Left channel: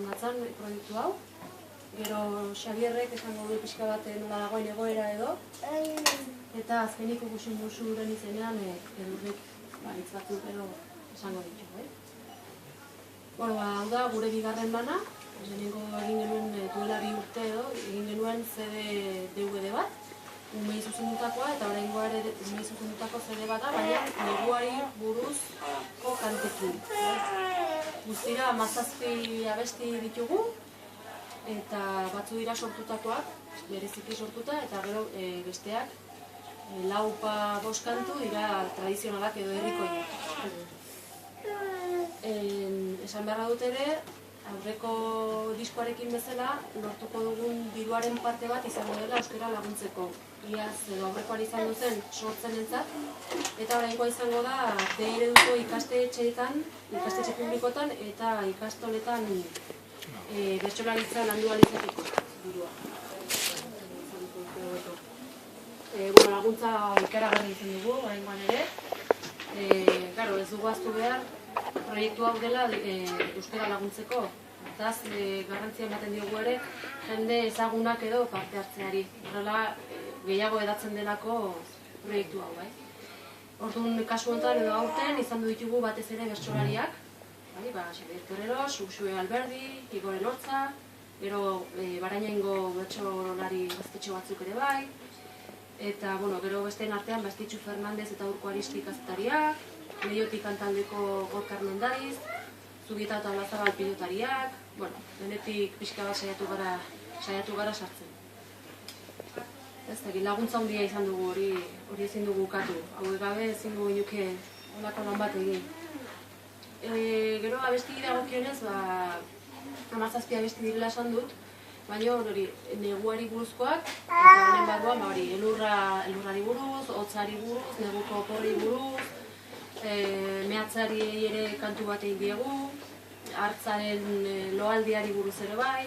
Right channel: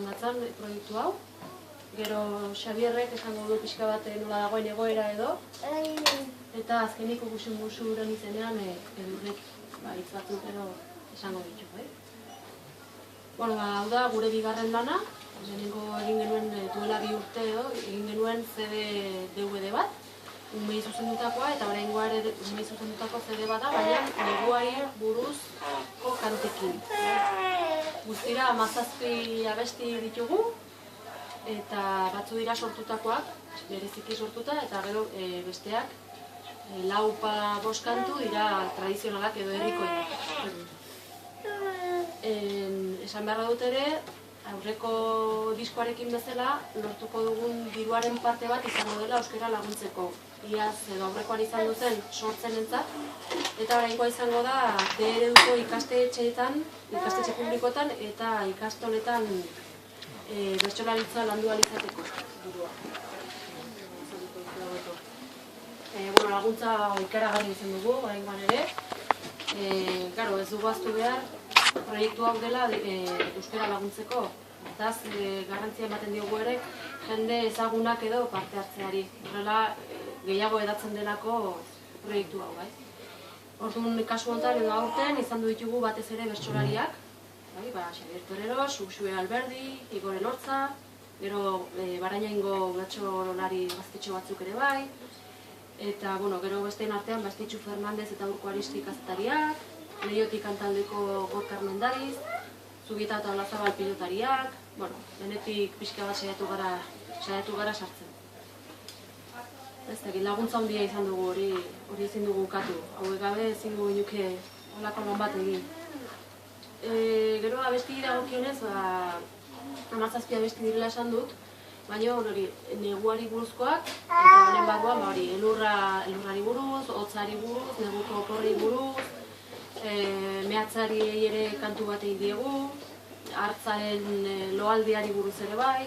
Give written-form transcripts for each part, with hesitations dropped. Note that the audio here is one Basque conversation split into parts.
Handatzen proiektu hau, gero Xabierrek esango du pixka bat nola dagoen egoera edo, eta azkenik ikusi musuren izenean Edurnek hitz batzuk edo esango ditu, bai? Bueno, hau da gure bigarren lana, lehenengo egin genuen duela 2 urte edo, egin genuen CD DVD bat, umei zuzendutakoa, eta oraingoa ere umei zuzendutako CD bat da, baina neguari buruzko kantekin. Guztira 17 abesti ditugu, eta batzu dira sortutakoak, bereziki sortuta, eta gero besteak 4-5 kantu dira tradizionalak edo herrikoiak. Esan beharra dut ere, aurreko diskoarekin bezala, lortuko dugun diruaren parte bat izango dela euskara laguntzeko. Iaz edo aurrekoan izan duzen sortzenentzat, eta oraingoa izango da D-ereduko ikastetxeetan, ikastetxe publikoetan eta ikastoletan bertsolaritza landu ahal izateko dirua. Laguntza ikaragarri izan dugu, oraingoan ere. Ez dugu ahaztu behar, proiektu hau dela euskara laguntzeko. Hortaz, garrantzia ematen diogu ere, jende ezagunak edo parte hartzeari. Horrela, gehiago edatzen delako proiektu hau, bai? Orduan, kasu honetan edo aurten izan ditugu batez ere bertsolariak, Xabier Toreros, Uxue Alberdi, Igor Elortza, gero Barainaingo bertsolari gaztetxo batzuk ere bai, eta gero besteen artean Estitxu Fernandez eta Urko Aristi kazetariak, Leiotik kantaldeko Gorkar Mendariz, Zubieta eta Olazabal pilotariak, denetik pixka bat saiatu gara sartzen. Laguntza handia izan dugu, hori ezin dugu ukatu. Hauek gabe ezin dugu inuke holako lan bat egin. Gero abesti dagokionez, 17 abesti direla esan dut, baina neguari buruzkoak, eta honen barruan elurrari buruz, hotzari buruz, neguko oporri buruz, mehatzari ere kantu bat egin diegu, hartzaren loaldiari buruz ere bai,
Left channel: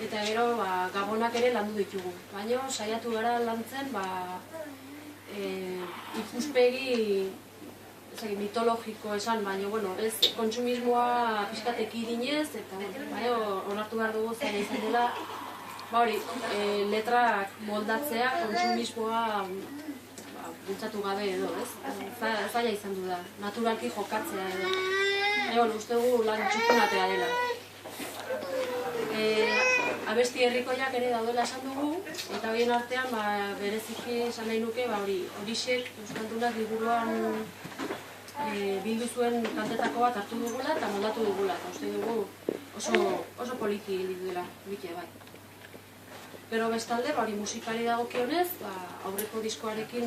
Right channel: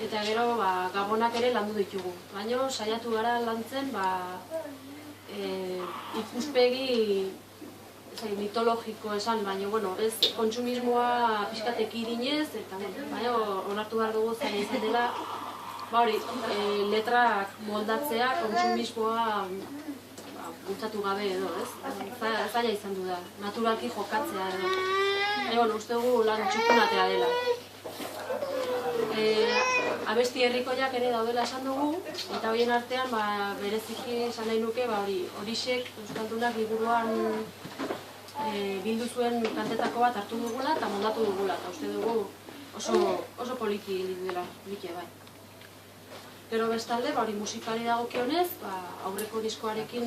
eta gero gabonak ere landu ditugu. Baina saiatu gara lantzen ikuspegi mitologiko esan, baina ez kontsumismoa pixkat ekidinez, eta baina onartu behar dugu zaila izan dela, letrak moldatzea kontsumismoa bultzatu gabe edo, ez? Zaila izan du da, naturalki jokatzea edo. Uste dugu lan txukunatea dela. Abesti herrikoiak ere daudela esan dugu, eta horien artean bereziki esan nahi nuke horixek euskaldunak liburuan bildu zuen kantetako bat hartu dugula eta moldatu dugula, eta uste dugu oso poliki dela, polikia bai. Gero bestalde, musikari dagokionez, aurreko diskoarekin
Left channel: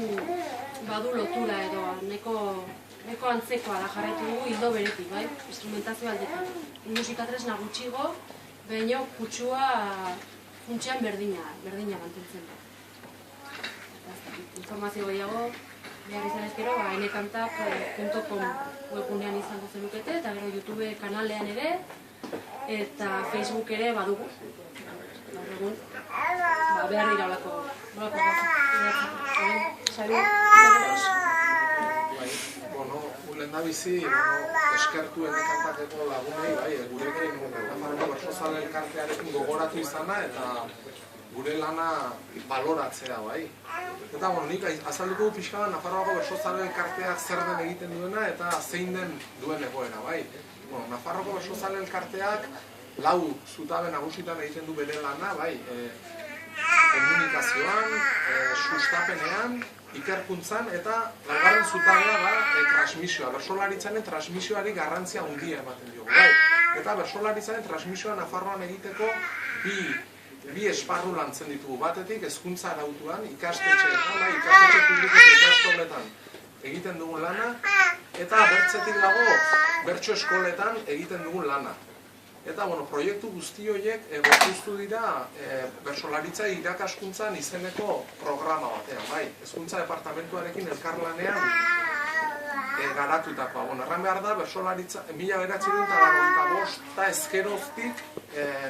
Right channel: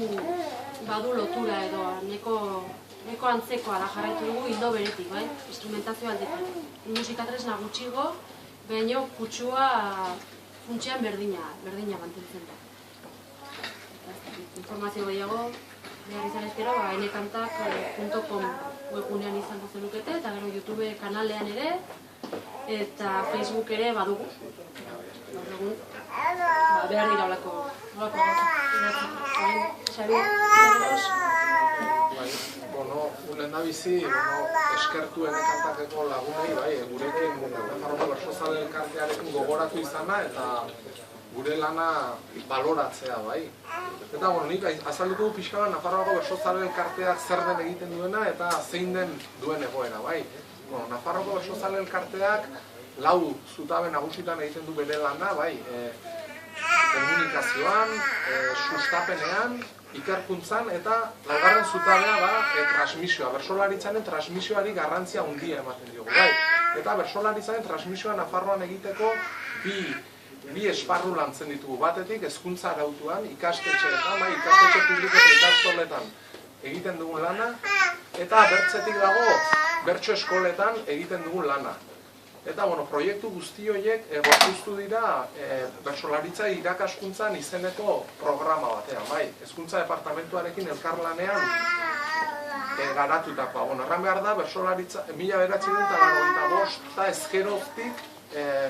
badu lotura edo neko antzekoa da jarraitu dugu hildo beretik, bai, instrumentazio aldetik. Musikatresna gutxigo, baina kutsua funtsean berdina mantentzen da. Informazio gehiago, behar izan ezkero, enekantak.com webgunean izango zenukete, eta gero YouTube kanalean ere, eta Facebook ere badugu. Gaur egun, behar dira olako Xabier, Toreros? Lehen da bizi, eskertu enekantakeko lagunei, gurekin Nafarroko Bertsozale Elkartearekin gogoratu izana eta gure lana baloratzea, bai. Eta, nik azalduko pixka bat Nafarroko Bertsozale Elkarteak zer den egiten duena eta zein den duen egoera, bai. Nafarroko Bertsozale Elkarteak 4 zutabe nagusitan egiten du bere lana, bai. Komunikazioan, sustapenean, ikerkuntzan eta 2. zutabea da transmisioa. Bertsolaritzaren transmisioari garrantzia handia ematen diogu, bai. Eta bertsolaritzaren transmisioa Nafarroan egiteko bi esparru lantzen ditugu. Batetik, hezkuntza arautuan, ikastetxeetan, bai, ikastetxe publiko eta ikastoletan egiten dugun lana, eta bertzetik dago, bertso eskoletan egiten dugun lana. Eta, proiektu guzti horiek gorpuztu dira bertsolaritza irakaskuntzan izeneko programa batean, bai. Hezkuntza departamentuarekin elkarlanean garatutakoa. Erran behar da, bertsolaritza 1985 eta ezkeroztik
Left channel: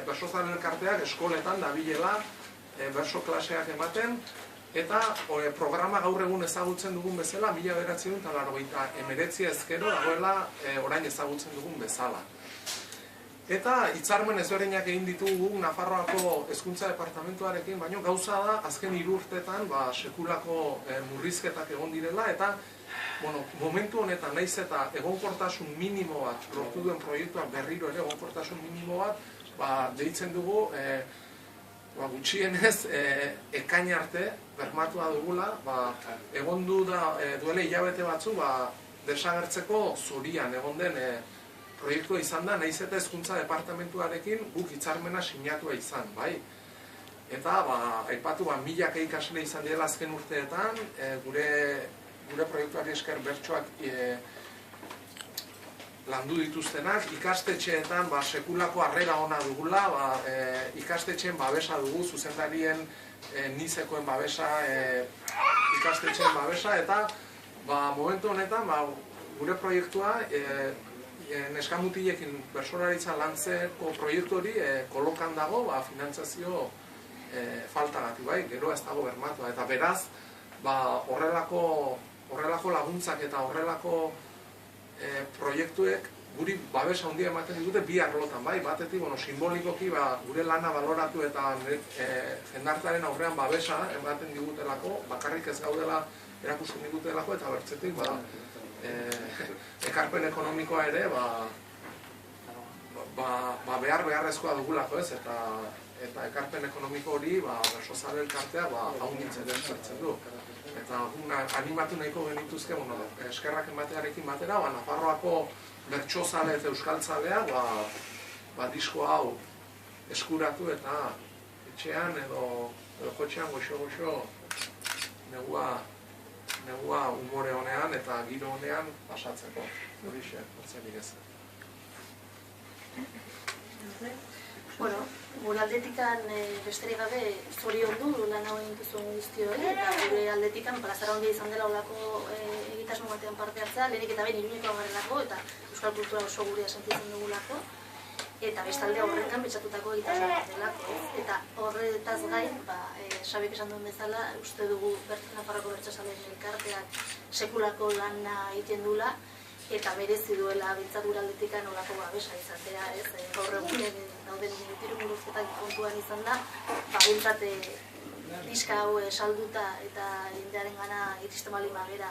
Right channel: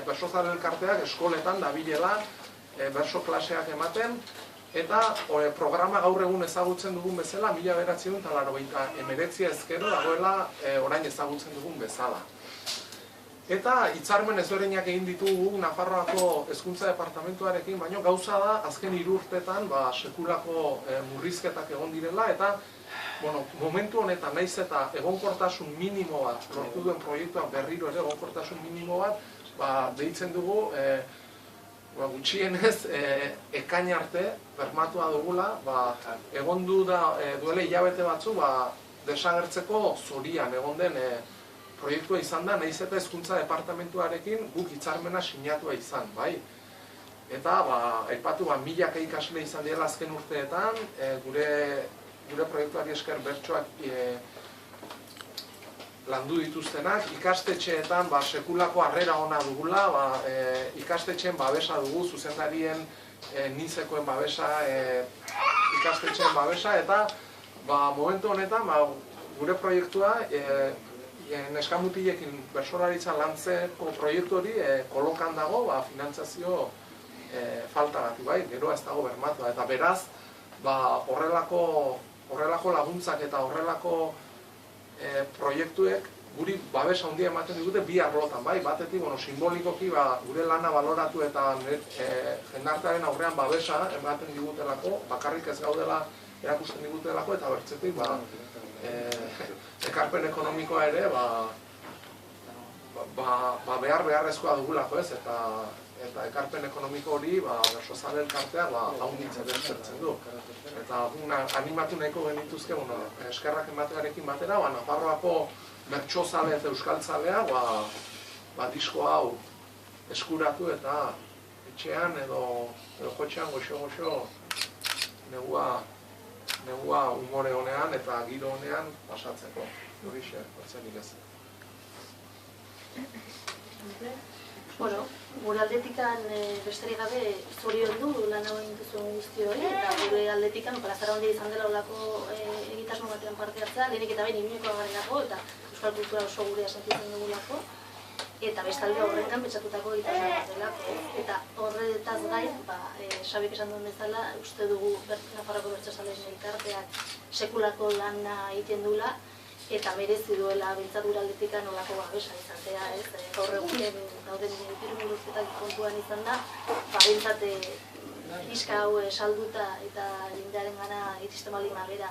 Bertsozale Elkarteak eskoletan dabilela bertso klaseak ematen, eta programa gaur egun ezagutzen dugun bezala 1989 ezkero dagoela orain ezagutzen dugun bezala. Eta hitzarmen ezberdinak egin ditugu Nafarroako Hezkuntza Departamentuarekin, baina gauza da azken 3 urteetan sekulako murrizketak egon direla, eta momentu honetan naiz eta egonkortasun minimo bat lortu duen proiektuak berriro ere egonkortasun minimo bat deitzen dugu gutxienez ekain arte bermatua dugula, egon duela hilabete batzu desagertzeko zorian egon den proiektua izan da, nahiz eta Hezkuntza Departamentuarekin guk hitzarmena sinatua izan, bai? Eta, aipatu, milaka ikasle izan direla azken urteetan, gure proiektuari esker bertsoak landu dituztenak, ikastetxeetan sekulako harrera ona dugula, ikastetxeen babesa dugu, zuzendarien nizekoen babesa, ikastetxeen babesa, eta momentu honetan gure proiektua neskamutilekin bertsolaritza lantzeko proiektu hori kolokan dago finantzazio faltagatik, bai, gero ez dago bermatua, eta beraz horrelako laguntzak eta horrelako proiektuek guri babesa handia ematen digute bi arlotan, bai, batetik simbolikoki gure lana baloratu eta jendartearen aurrean babesa ematen digutelako, bakarrik ez gaudela erakusten digutelako, eta bertzetik ekarpen ekonomikoa ere beharrezkoa dugulako, ez, eta ekarpen ekonomiko hori Bersozale elkartea haunditzen ezertzen du. Eta animatu nahiko genituzke, eskerrak ematearekin batera, Nafarroako bertsozale eta euskaltzalea disko hau eskuratu eta etxean edo jotxean goxo-goxo negua umore honean eta giro honean pasatzeko. Horixe, batzerik ez. Bueno, gure aldetikan besterik gabe zoriondu lan hau egin duzuen guzti hori, eta gure aldetikan plazara handia izan dela olako egitasmo batean parte hartzea, lehenik eta behin Iruñekoa garelako, eta euskal kultura oso gurea sentitzen dugulako, eta bestalde horretan pentsatutako egitasmo bat delako. Eta horretaz gain, Xabik esan duen bezala, uste dugu Nafarroko Bertsozaleen elkarteak sekulako lana egiten duela, eta merezi duela bintzat gure aldetikan olako babesa izatea, ez? Gaur egunen dauden pirumuruzketak kontuan izan da, bintzat pixka hau salduta eta jendearen gana iristen baldin bagera,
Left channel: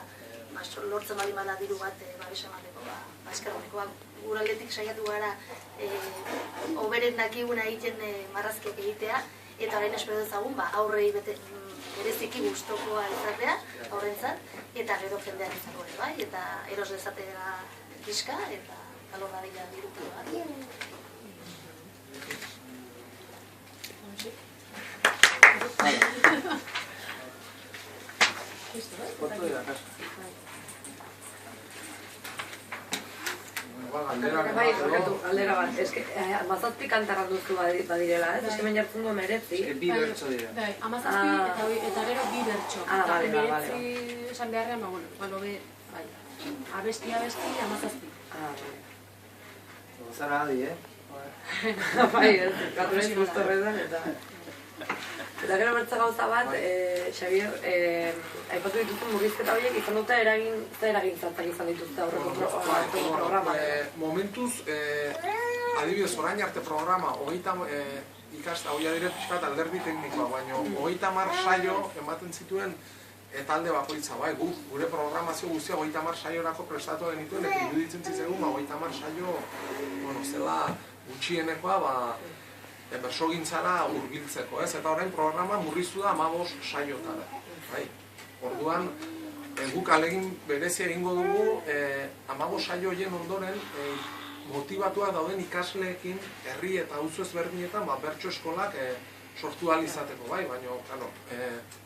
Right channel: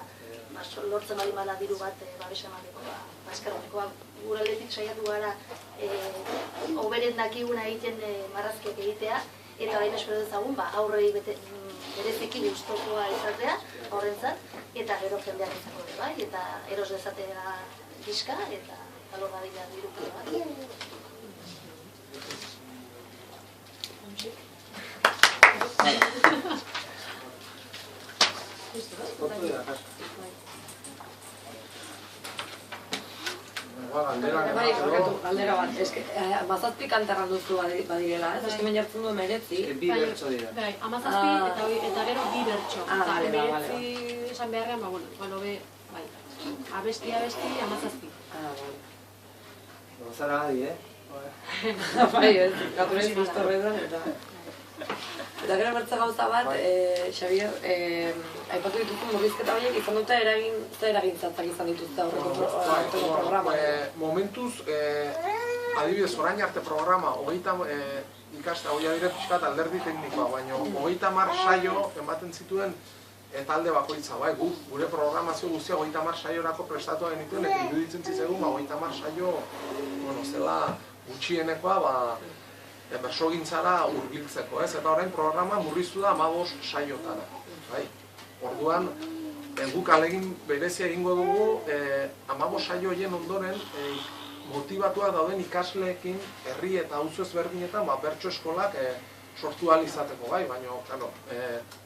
lortzen baldin bada diru bat babesa emateko, eskerroneko. Gure aldetik saiatu gara hoberen dakiguna egiten marrazkiak egitea, eta orain espero dezagun aurrei bereziki gustokoa izatea horrentzat, eta gero jendeak izango ere bai, eta eros dezatera pixka, eta alor dadila dirupio bat. Galdera bat, eske, amazazpi kantarra duzu badirela, ez? Eske men jartzen duen meretzi. Bi bertso dira. Bai, amazazpi eta gero 2 bertso. Eta meretzi esan beharrean, bai, abesti, amazazpi. Zara adi, Bai, ez, gaturesi guztorretan, eta gero bertza gauza bat, Xabier, aipatu dituzu murrizketa horiek izan dute eragin zatzak izan dituzte aurreko programa. Momentuz, adibidez, orain arte programa, hoia dire pixkat alderdi teknikoa, baina 30 saio ematen zituen talde bakoitza, bai, gure programazio guztia 30 saiorako prestatu genituen, eta iruditzen zitzaigun 30 saio, zela gutxienekoa, bersogintzara hurbiltzeko, ez? Eta orain programa murriztu da 15 saiotara, bai? Orduan, guk alegin berezia egingo dugu 15 saio horien ondoren motivatuak dauden ikasleekin herri eta auzo ezberdinetan bertso eskolak sortu ahal izateko, bai? Baina,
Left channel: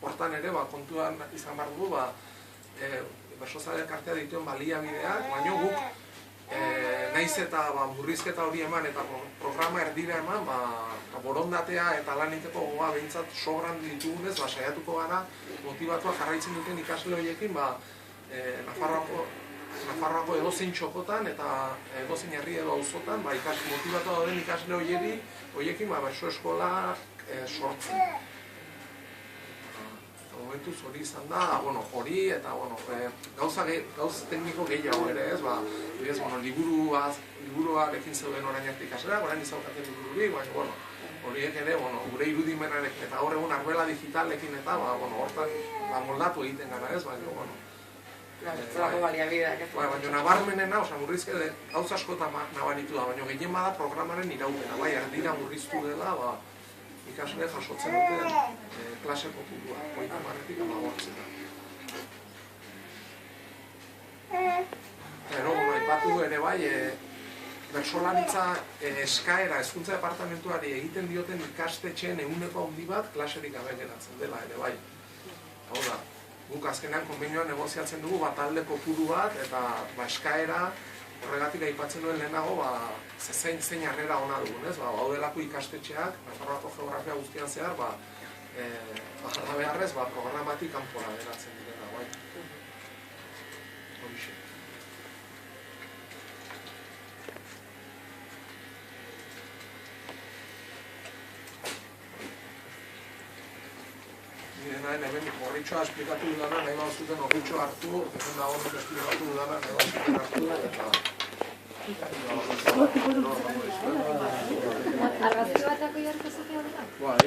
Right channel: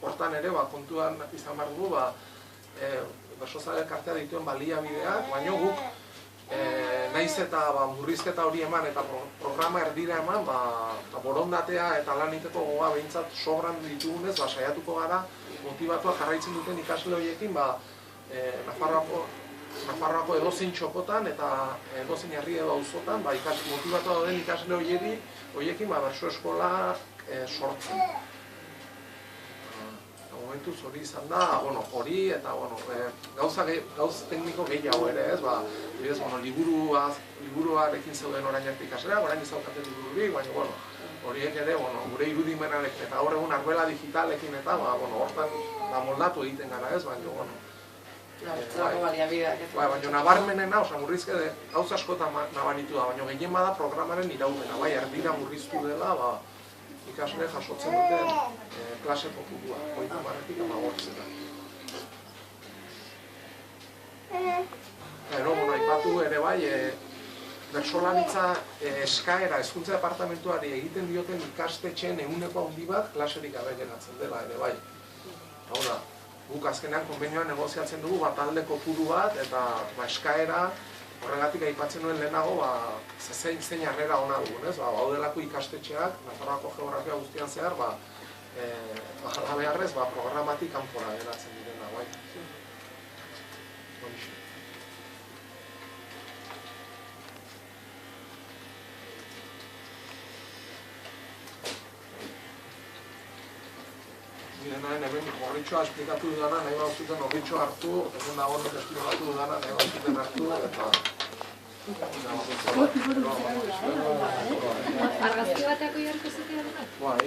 hortan ere, kontuan izan behar dugu, Bersozale elkartea dituen baliabideak, baina guk naiz eta murrizketa hori eman eta programa erdira eman, borondatea eta lan egiteko gogoa behintzat sobran ditugunez, saiatuko gara motivatuak jarraitzen duten ikasle horiekin, Nafarroako edozein txokotan eta edozein herri edo auzotan, motibatua dauden ikasle horiekin bertso eskola sortzen. momentuz hori izan da, hori eta gauz tekniko gehiago ere, ez, liburuarekin zeuden orain arte ikasleak, orain izaukate libururik, baina, horiek ere, gure irudimenarekin eta gaur egun arbela digitalekin eta, hortan moldatu egiten gara ez, baina, baina nabarmenena, murrizke gauz askotan nabaritu da, baina gehien bada programaren iraupena, erdira murriztu dela, ikasle jasotzen duten klase kopurua, 30-tik 15. Gero, aipatu ere bai, bertsolaritza eskaera hezkuntza departamentuari egiten dioten ikastetxeen ehuneko handi bat klaserik gabe geratzen dela ere bai. Hau da, guk azkenean konbenioan negoziatzen dugu talde kopuru bat eta eskaera horregatik aipatzen nuen lehenago zein harrera ona dugun, ez? Haudelako ikastetxeak, Nafarroako geografia guztian zehar, jarra beharrez, programatik kanpora geratzen direna, bai. Hemen horritxoa esplikatu dudana, nahi bat zuten horritxoa hartu, hemen dagoenak esplikatu dudana, nahi bat zuten hartu, eta... Argazki batako jarko zutea dira? Bai.